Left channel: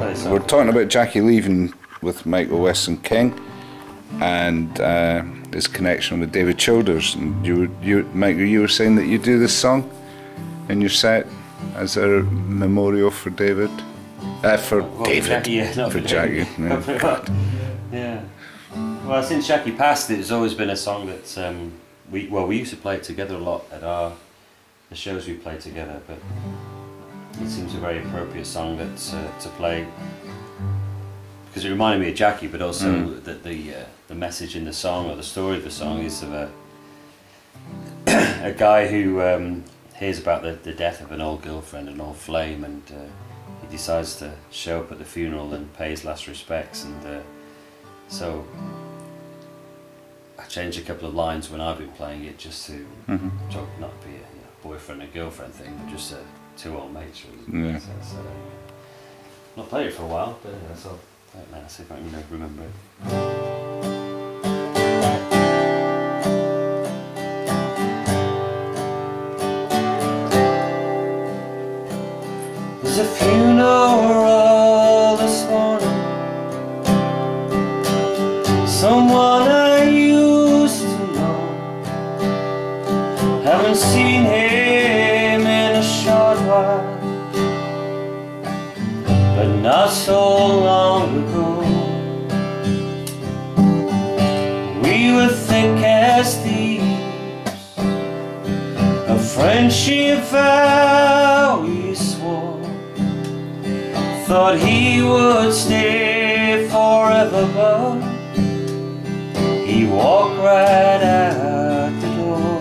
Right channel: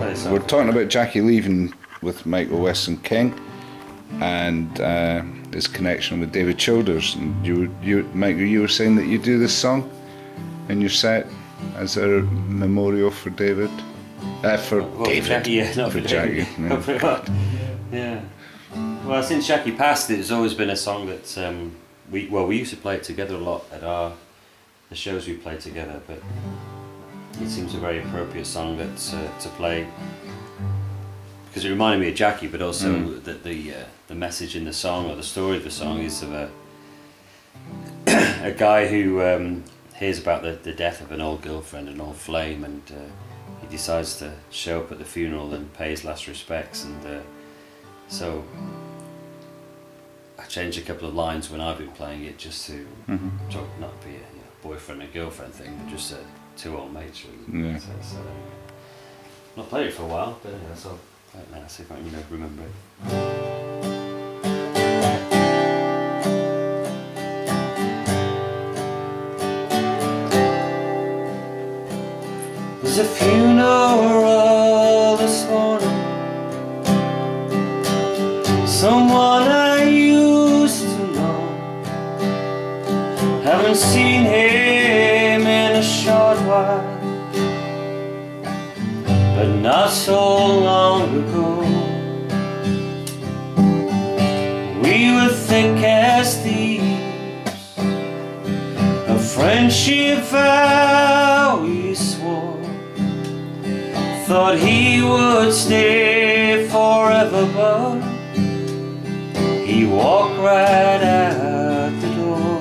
we're talking about Jackie Leven with Michael Weston King and his connection with David Childers. And Michael, you were saying that you do this song in your set as a memorial for David. For David. Jackie, yeah, not for Jackie. Yeah. Yeah. Well, since Jackie passed, it's always been a song that we used to play it together a lot at the shows we played together, but it seems a very appropriate song that to play because it reminded me of Jackie, but also that the message in the song, or the story of the song, is of a guy who hears about the death of an old girlfriend, an old flame, and he decides to show up at the funeral and pay his last respects. And so I changed a couple of lines when I've been playing it, just to not be a boyfriend and girlfriend thing, but just two old mates really. Yeah. So anyway, not played it for a while, but anyway, so I'll play it now, see if I can remember it. There's a funeral this morning, someone I used to know. Haven't seen him in a short while, but not so long ago. We were thick as thieves, a friendship vow we swore. Thought he would stay forever, but he walked right out the door.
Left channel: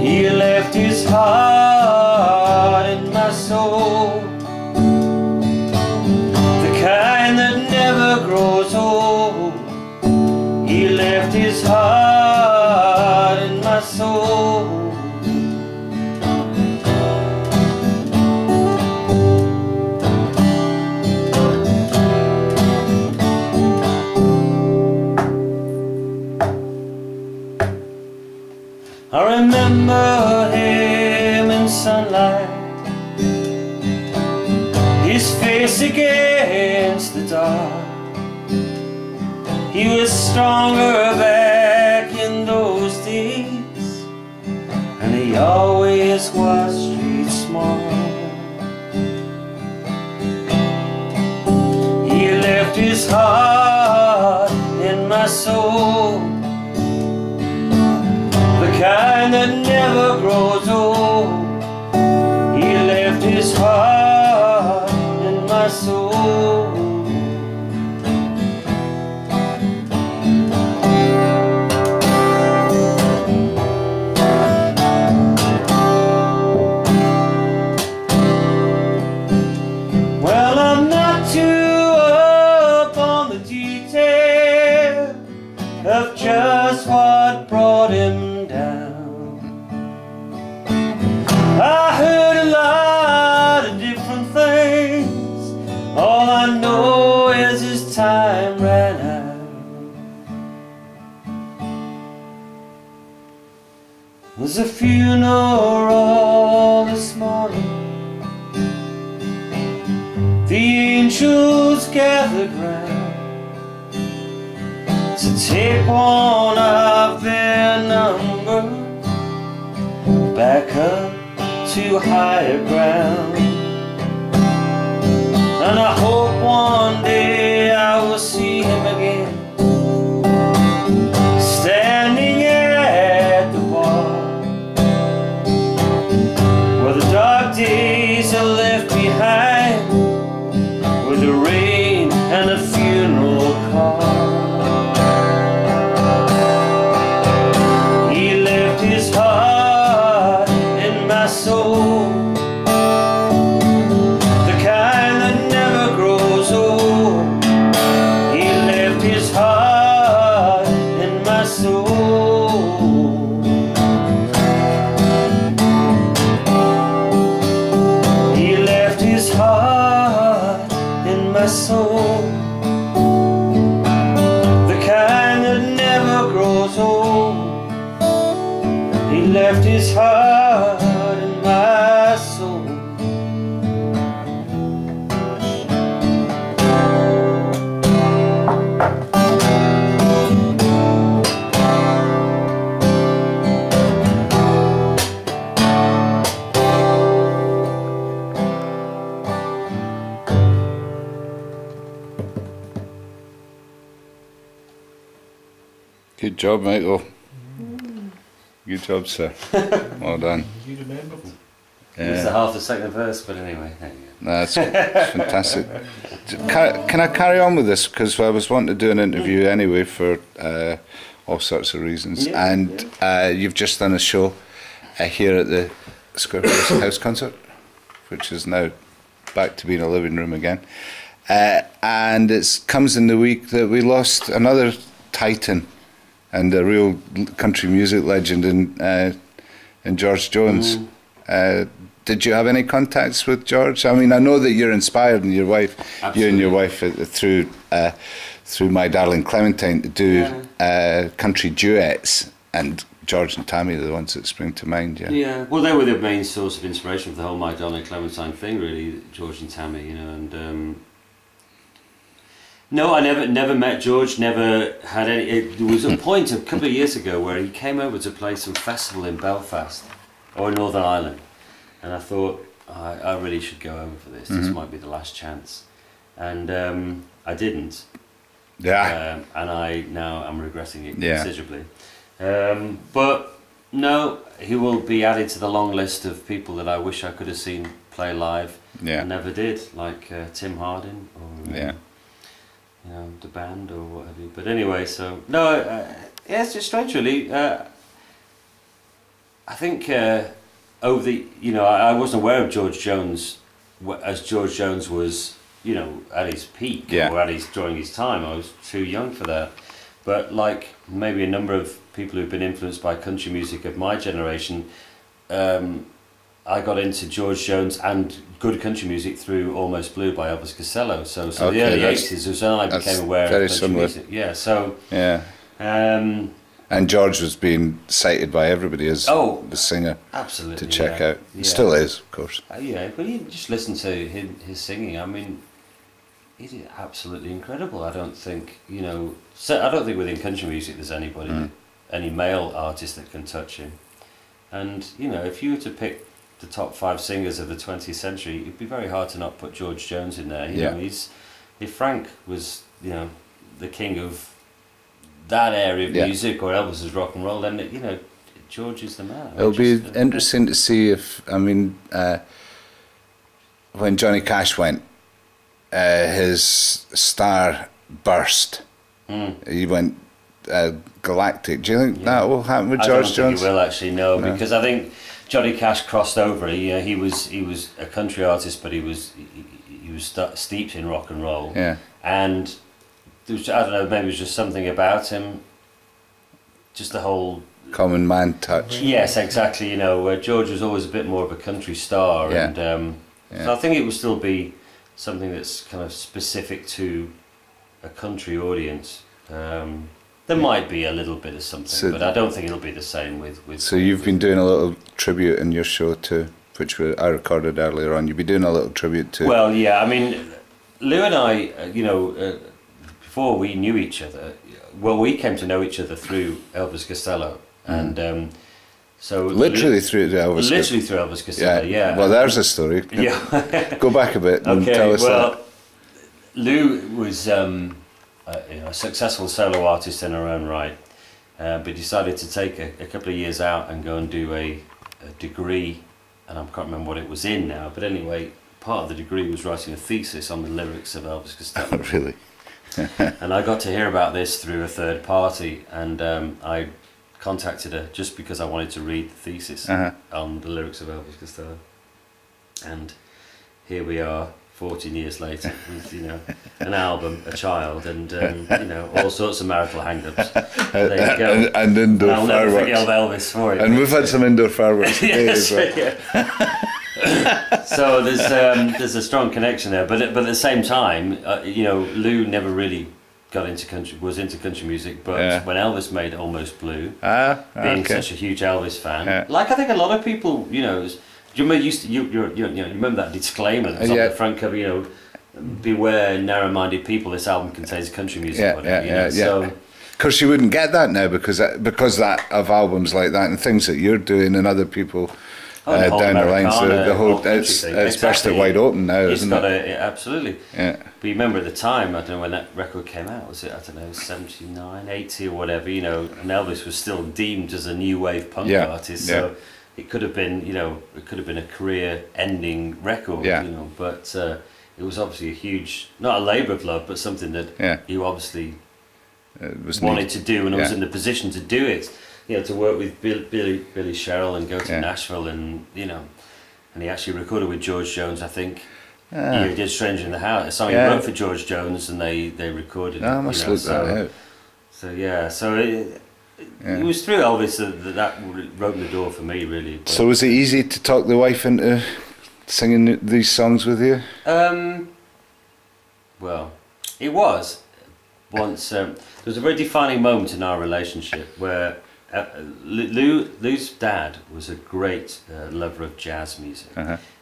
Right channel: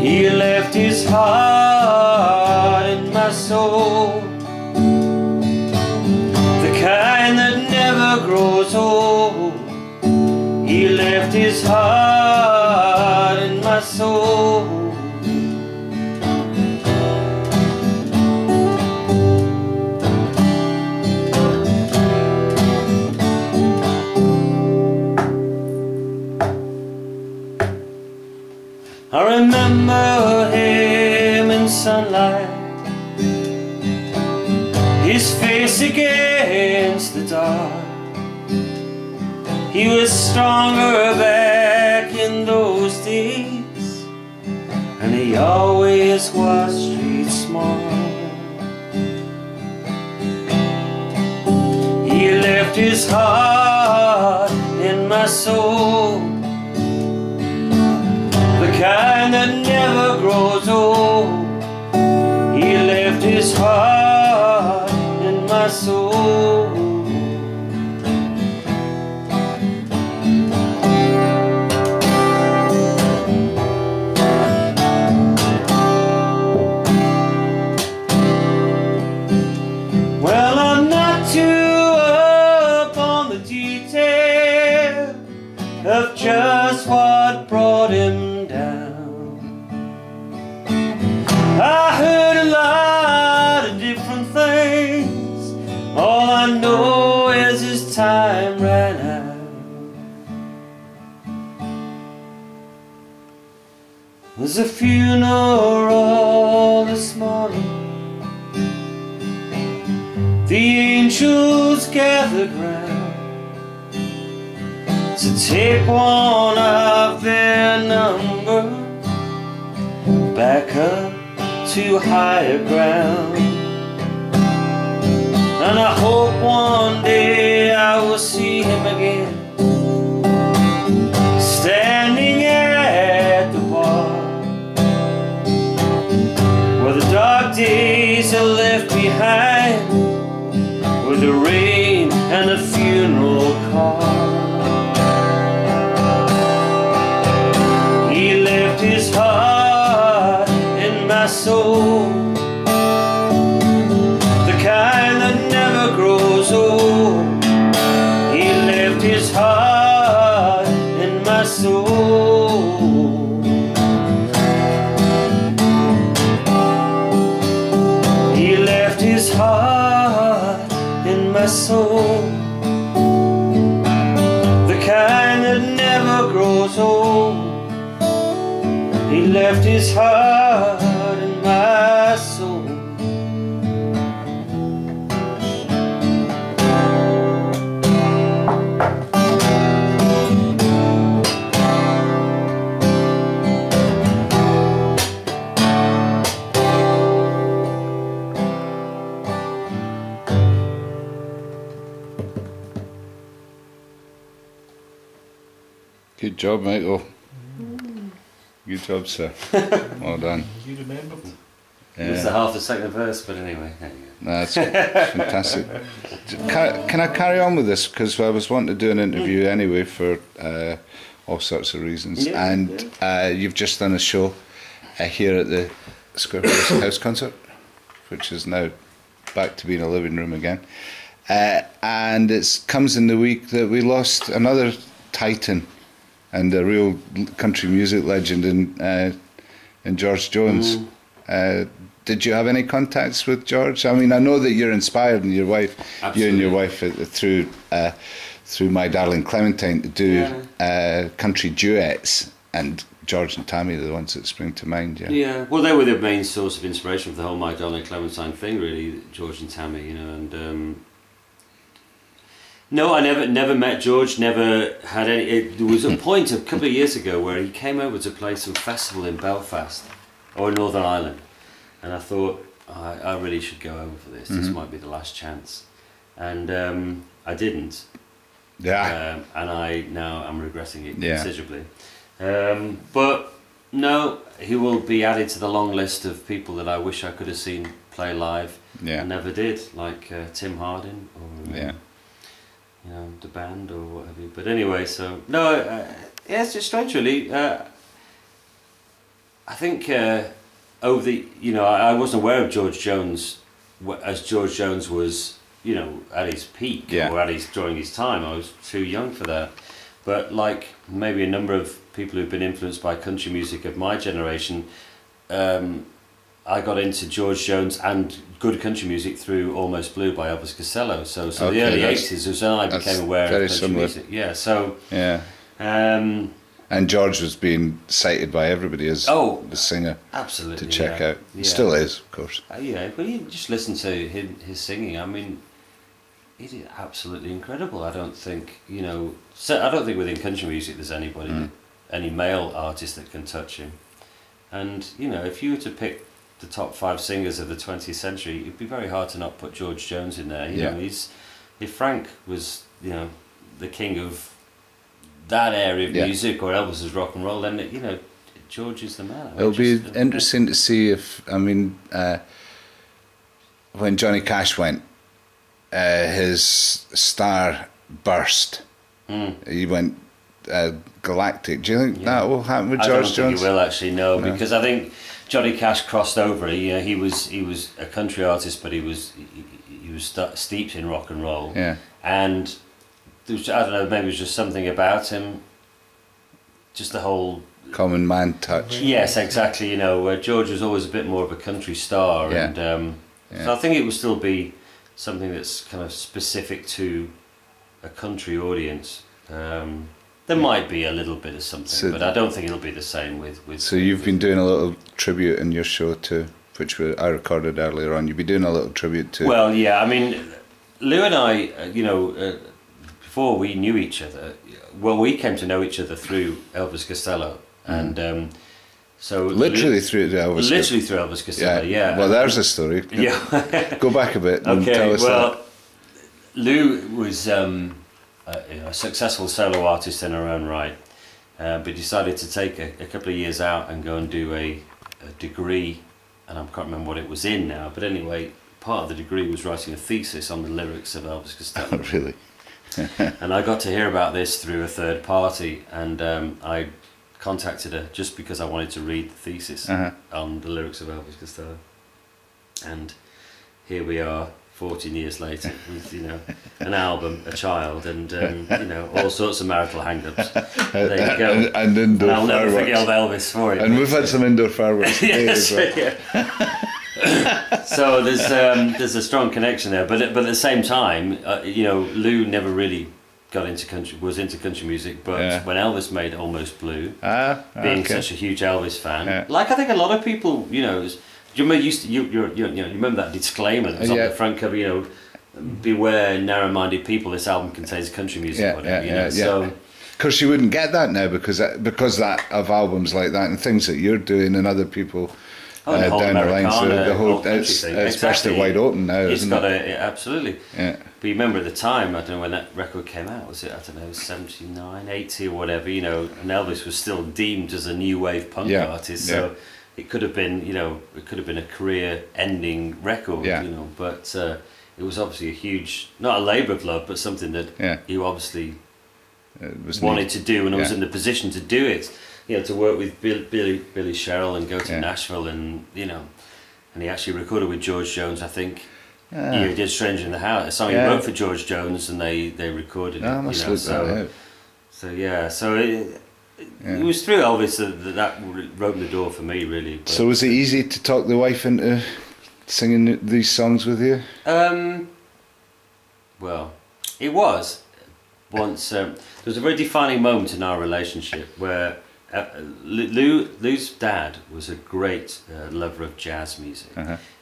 He left his heart in my soul, the kind that never grows old. He left his heart in my soul. I remember him in sunlight, his face against the dark. He was stronger back in those days, and he always was street smart. He left his heart in my soul, the kind that never grows old. He left his heart in my soul. Well, I'm not too up on the detail of just what brought him down. I heard a lot of different things. All I know is his time ran out. There's a funeral this morning. The angels gathered round to take one of their number back up to higher ground. And I hope one day I will see him again, standing at the bar, where the dark days are left behind, with the rain and a funeral car. He left his heart in my soul, the kind that never grows old. He left his heart in my soul. He left his heart in my soul, the kind that never grows old. He left his his heart and my soul. Good job, Michael. Good job, sir. Well done. You remembered? It's the half the second verse, but anyway, there you go. No, that's fantastic. Can I carry on with this? Because I was wanting to do an interview anyway for all sorts of reasons. Yeah, and you've just done a show here at the Square House Concert, which is now back to being a living room again. And it comes in the week that we lost another titan and a real country music legend in George Jones. Did you have any contacts with George? I mean, I know that you're inspired, and your wife, Absolutely. you and your wife, through My Darling Clementine, to do country duets, and George and Tammy are the ones that spring to mind. Yeah. Yeah. Well, they were the main source of inspiration for the whole My Darling Clementine thing, really. George and Tammy, you know, and. No, I never met George. Never had any. There was a point a couple of years ago where he came over to play some festival in Belfast or Northern Ireland, and I thought I really should go over for this. This might be the last chance, and I didn't. Yeah. And I'm regretting it Yeah. considerably. But no, he will be added to the long list of people that I wish I could have seen play live. Yeah. And never did, like Tim Hardin or. Yeah. You know, the band or what have you. But anyway, so no, yeah, it's just strange, really. I think over the, you know, I wasn't aware of George Jones as George Jones was, you know, at his peak or during his time. I was too young for that. But like maybe a number of people who've been influenced by country music of my generation, I got into George Jones and good country music through Almost Blue by Elvis Costello. So the early 80s was when I became aware of country music. Yeah, so... Yeah. And George was being cited by everybody as the singer absolutely, to check out. Yeah. Still is, of course. Yeah, but you just listen to his singing. I mean, it is absolutely incredible. I don't think, you know... I don't think within country music there's anybody, any male artist that can touch him. And, you know, if you were to pick the top 5 singers of the 20th century, it'd be very hard to not put George Jones in there. You know, if Frank was, you know, the king of that area of music, or Elvis was rock and roll, then, you know, George is the man. It'll be interesting to see if, I mean, when Johnny Cash went, his star burst. He went galactic. Do you think that will happen with George Jones? I don't think he will actually, no, because I think Johnny Cash crossed over. He was a country artist, but he was steeped in rock and roll. Yeah. And there was, I don't know, maybe it was just something about him, just the whole common man touch. Yes, exactly. You know, where George was always a bit more of a country star, and so I think it will still be something that's kind of specific to a country audience. There might be a little bit of something, but I don't think it'll be the same with. So you've been doing a little tribute in your show too, which I recorded earlier on. You've been doing a little tribute to. Well, yeah, I mean, Lou and I, you know, before we knew each other, well, we came to know each other through Elvis Costello, and so literally through Elvis. Literally through Elvis Costello, yeah. Well, there's a story. Yeah. Go back a bit and tell us that. Lou was a successful solo artist in her own right, but decided to take a couple of years out and go and do a degree, and I can't remember what it was in now, but anyway, part of the degree was writing a thesis on the lyrics of Elvis Costello. Oh, really? And I got to hear about this through a third party, and I contacted her just because I wanted to read the thesis on the lyrics of Elvis Costello. And here we are, 14 years later, with, you know, an album, a child, and you know, all sorts of marital hang-ups. There you go. And indoor I'll never fireworks. forget Elvis for it. And we've had some indoor fireworks today as well. So there's a strong connection there, but at the same time, you know, Lou never really was into country music, but when Elvis made Almost Blue, being such a huge Elvis fan, like I think a lot of people, you know, you remember that disclaimer that was on the front cover, you know, beware narrow-minded people, this album contains country music, so. Of course, you wouldn't get that now because of albums like that and things that you're doing and other people down the line. So the whole it's best at wide open now, isn't it? Absolutely. Yeah. But you remember at the time, I don't know when that record came out. Was it, I don't know, 79, 80 or whatever? You know, and Elvis was still deemed as a new wave punk artist. So it could have been, you know, a career-ending record. You know, but it was obviously a huge, not a labour of love, but something that you obviously wanted to do and was in the position to do it. You know, to work with Billy Sherrill and go to Nashville, and you know, and he actually recorded with George Jones, I think. He did "Stranger in the House," a song he wrote for George Jones, and they recorded it. I must look that out. So it was through Elvis that opened the door for me, really. But, so was it easy to talk the wife into singing these songs with you? Well, it was. Once there was a very defining moment in our relationship where Lou's dad was a great lover of jazz music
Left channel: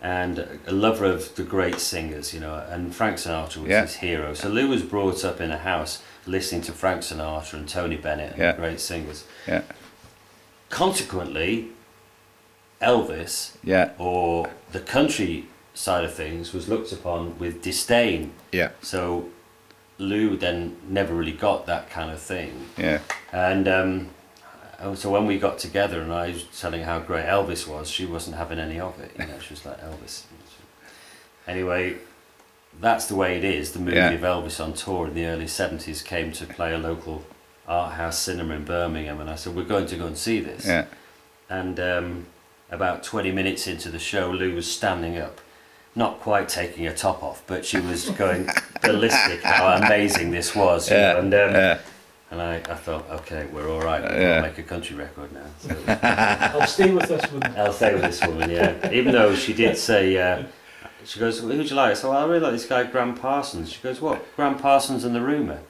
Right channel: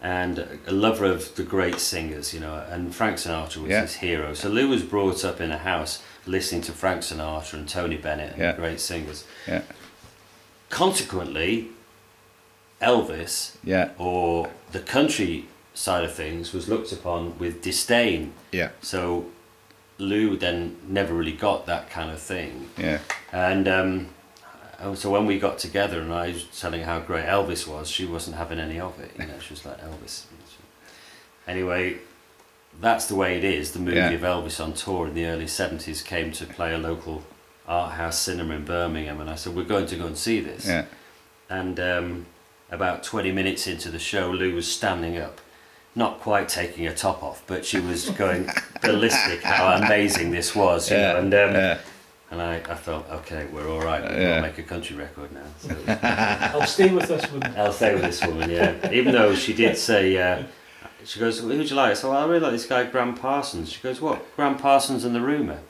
and a lover of the great singers, you know, and Frank Sinatra was his hero. So Lou was brought up in a house listening to Frank Sinatra and Tony Bennett and the great singers. Consequently, Elvis or the country side of things was looked upon with disdain. So Lou then never really got that kind of thing. And so when we got together and I was telling her how great Elvis was, she wasn't having any of it. You know, she was like, Elvis. Anyway, that's the way it is. The movie of Elvis on tour in the early 70s came to play a local art house cinema in Birmingham, and I said, we're going to go and see this. And about 20 minutes into the show, Lou was standing up, not quite taking her top off, but she was going ballistic how amazing this was. You know? And I thought, okay, we're all right. We'll make a country record now. So, I'll stay with this woman. I'll stay with this woman, Even though she did say, she goes, who'd you like? I said, well, I really like this guy, Graham Parsons. She goes, what? Graham Parsons and the Rumour.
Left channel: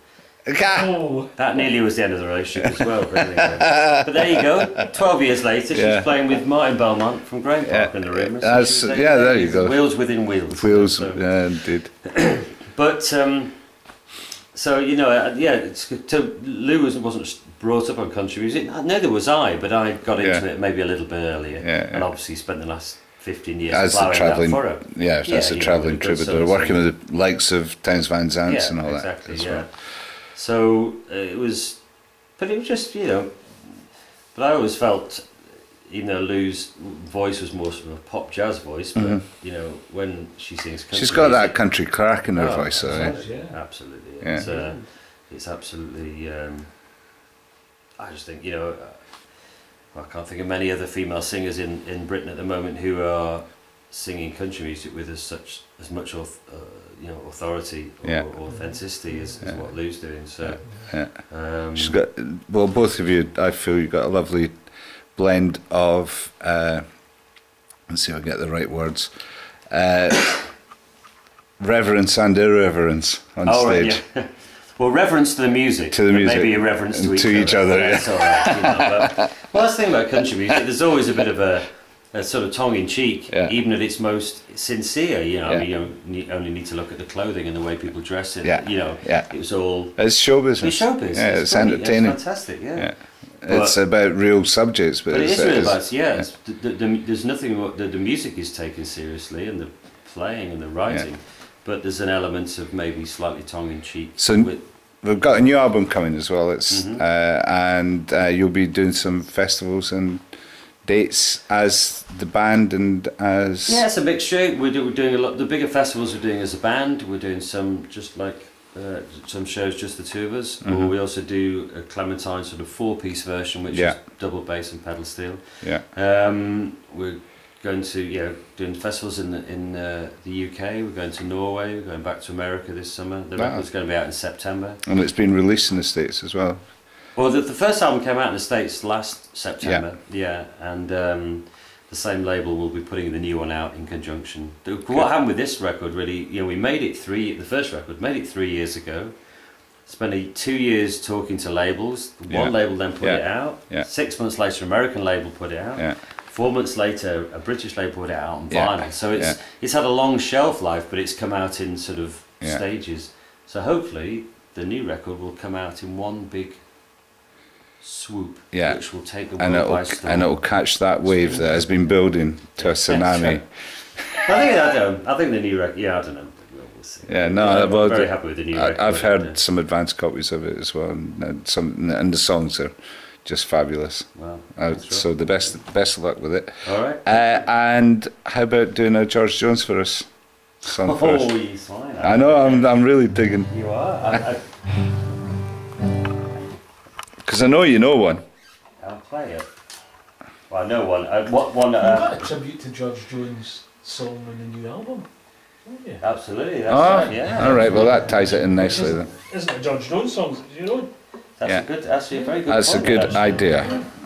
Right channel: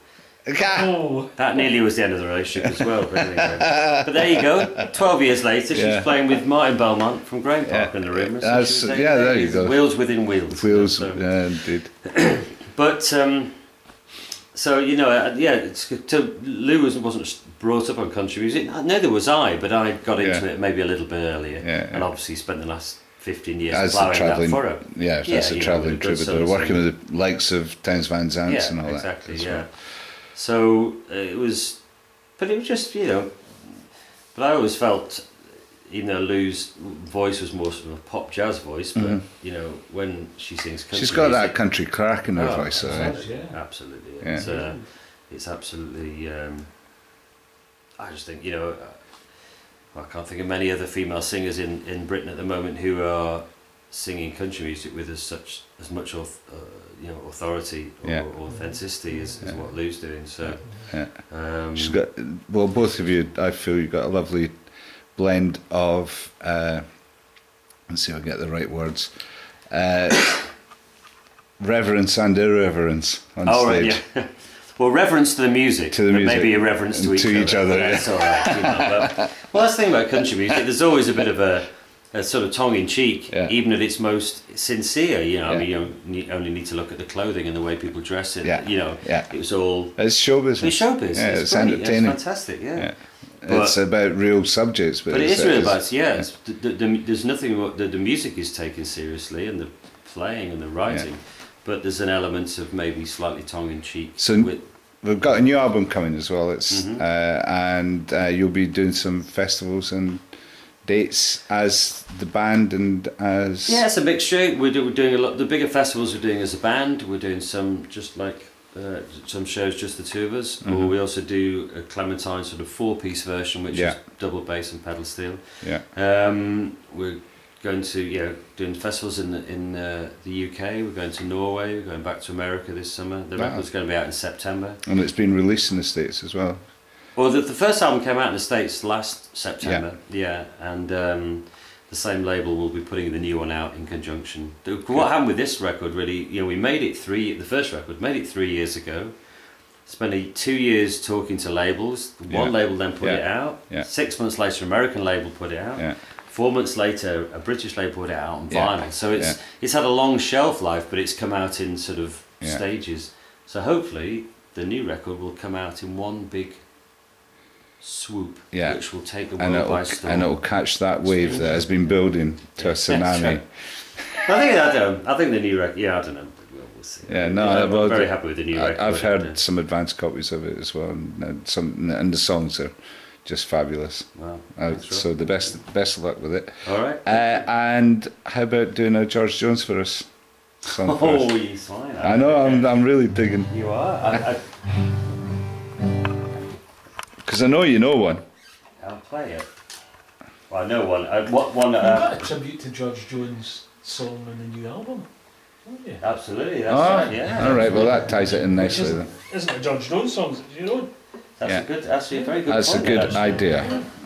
That nearly was the end of the relationship as well. But there you go. 12 years later, she's playing with Martin Belmont from Graham Park and the Rumour. So there you go. Wheels within wheels. Wheels, indeed. But so you know, Lou wasn't brought up on country music. Neither was I, but I got into it maybe a little bit earlier, and obviously spent the last 15 years ploughing that for her. As a travelling troubadour, working with the likes of Townes Van Zandt and all that. Well. So it was, but it was just, you know, but I always felt, even though Lou's voice was more sort of a pop jazz voice, but you know, when she sings country, she's got that country crack in her voice, absolutely. It's absolutely. I just think, you know, I can't think of many other female singers in Britain at the moment who are singing country music with as much authority or authenticity as what Lou's doing. So she's got, well, both of you, I feel you've got a lovely blend of let's see if I get the right words, reverence and irreverence on stage. Right, well, reverence to the music, maybe irreverence to each other. That's all right. You know, but, well, that's the thing about country music. There's always a bit of a sort of tongue-in-cheek, even at its most sincere. You know, I mean, you only need to look at the clothing and the way people dress it. You know, it was all. It's show business. It's show business. Yeah, it's entertaining. It's fantastic. It's about real subjects, but it is real about there's nothing. The music is taken seriously, and the playing and the writing, but there's an element of maybe slightly tongue-in-cheek. So we've got a new album coming as well. It's and you'll be doing some festivals and dates as the band and as it's a mixture. We're doing a lot. The bigger festivals we're doing as a band. We're doing some just like. Some shows just the two of us, or we also do a Clementine sort of 4-piece version, which is double bass and pedal steel. We're going to doing festivals in the UK. We're going to Norway. We're going back to America this summer. The record's going to be out in September, and it's been released in the States as well. Well, the first album came out in the States last September. And the same label will be putting the new one out in conjunction. What happened with this record, really, you know, we made it the first record, made it 3 years ago. Spent 2 years talking to labels. One label then put it out. 6 months later, an American label put it out. 4 months later, a British label put it out on vinyl. So it's had a long shelf life, but it's come out in sort of stages. So hopefully the new record will come out in one big swoop, which will take the world by storm. And it'll catch that wave that has been building to a tsunami. I think the new record. Yeah, I don't know. We'll see. Yeah, no, I'm very happy with the new record. I've heard some advanced copies of it as well, and the songs are just fabulous. Wow. So the best of luck with it. All right. And how about doing a George Jones for us? Song for us? You fine. I know. I'm really digging. You are. Because I know you know one. I'll play it. Well, I know one. What one? You've got a tribute to George Jones' song in the new album, haven't you? Absolutely. That's right. Yeah. All right. Well, that ties it in nicely then. Isn't it George Jones' songs? You know. That's a very good. That's point, a good actually. idea.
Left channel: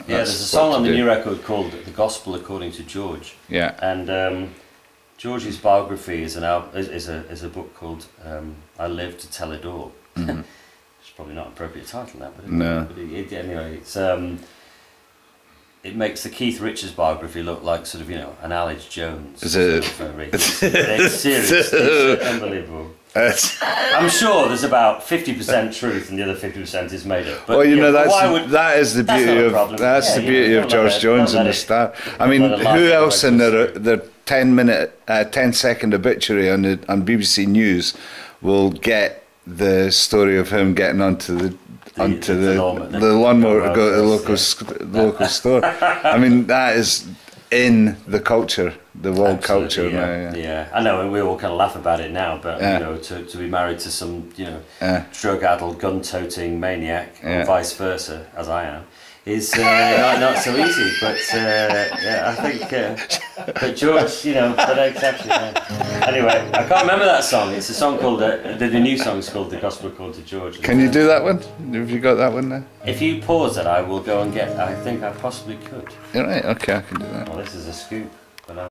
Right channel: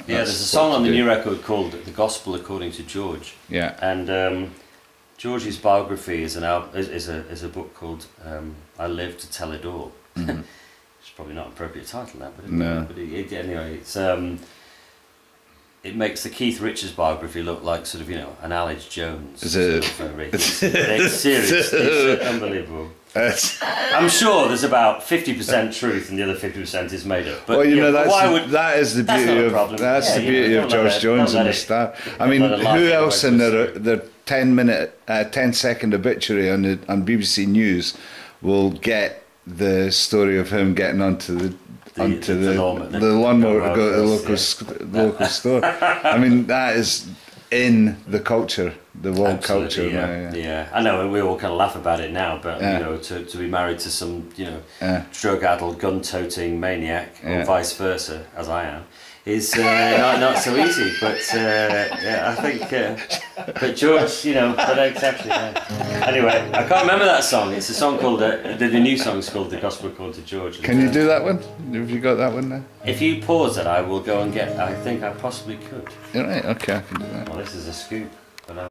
Yeah, there's a song on the new record called "The Gospel According to George." Yeah. And George's biography is a book called "I Live to Tell It All." Mm-hmm. It's probably not an appropriate title now, but anyway, it's it makes the Keith Richards biography look like sort of an Alex Jones. It's serious. It's unbelievable. I'm sure there's about 50% truth and the other 50% is made up. But, that is the beauty of George Jones and the star. I mean, who else in their 10-second obituary on BBC News will get the story of him getting onto the lawnmower to go to the local store? I mean, that is in the culture, the world culture. Yeah, I know, and we all kind of laugh about it now, but to be married to some drug-addled, gun-toting maniac, or vice versa, as I am, is not so easy. But I think, but George, but exactly. Anyway, I can't remember that song. It's a song called the new song is called "The Gospel According to George." Can you do that one? Have you got that one there? If you pause it, I will go and get. I think I possibly could. All right. Okay, I can do that. Well, this is a scoop.